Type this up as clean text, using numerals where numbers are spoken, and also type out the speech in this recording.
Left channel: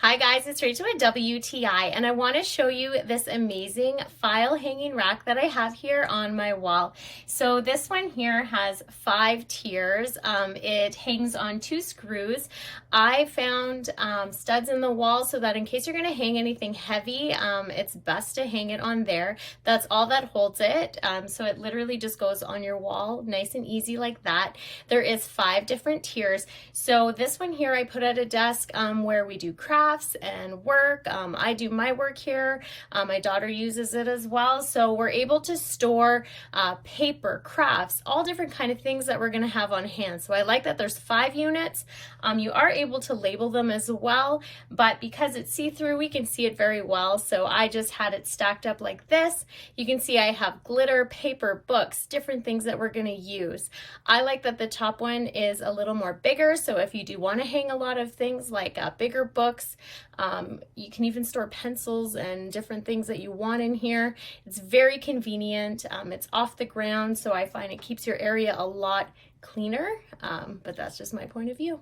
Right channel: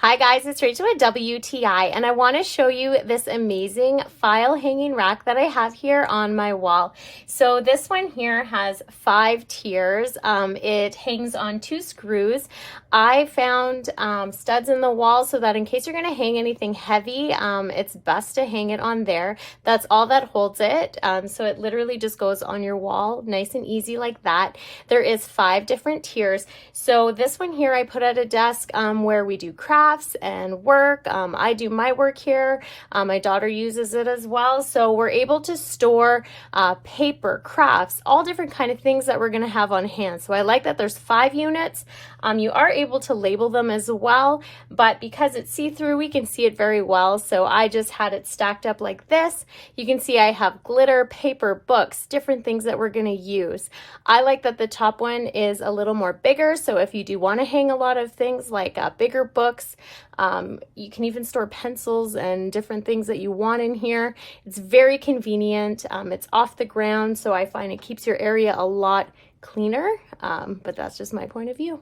Hi guys, it's Rachel at WTI, and I want to show you this amazing file hanging rack that I have here on my wall. So this one here has 5 tiers. It hangs on 2 screws. I found studs in the wall so that in case you're going to hang anything heavy, it's best to hang it on there. That's all that holds it. So it literally just goes on your wall, nice and easy like that. There is 5 different tiers. So this one here I put at a desk where we do crafts and work. I do my work here. My daughter uses it as well. So we're able to store paper, crafts, all different kind of things that we're going to have on hand. So I like that there's 5 units. You are able to label them as well, but because it's see-through, we can see it very well. So I just had it stacked up like this. You can see I have glitter, paper, books, different things that we're going to use. I like that the top one is a little more bigger. So if you do want to hang a lot of things like bigger books, you can even store pencils and different things that you want in here. It's very convenient. It's off the ground, so I find it keeps your area a lot cleaner, but that's just my point of view.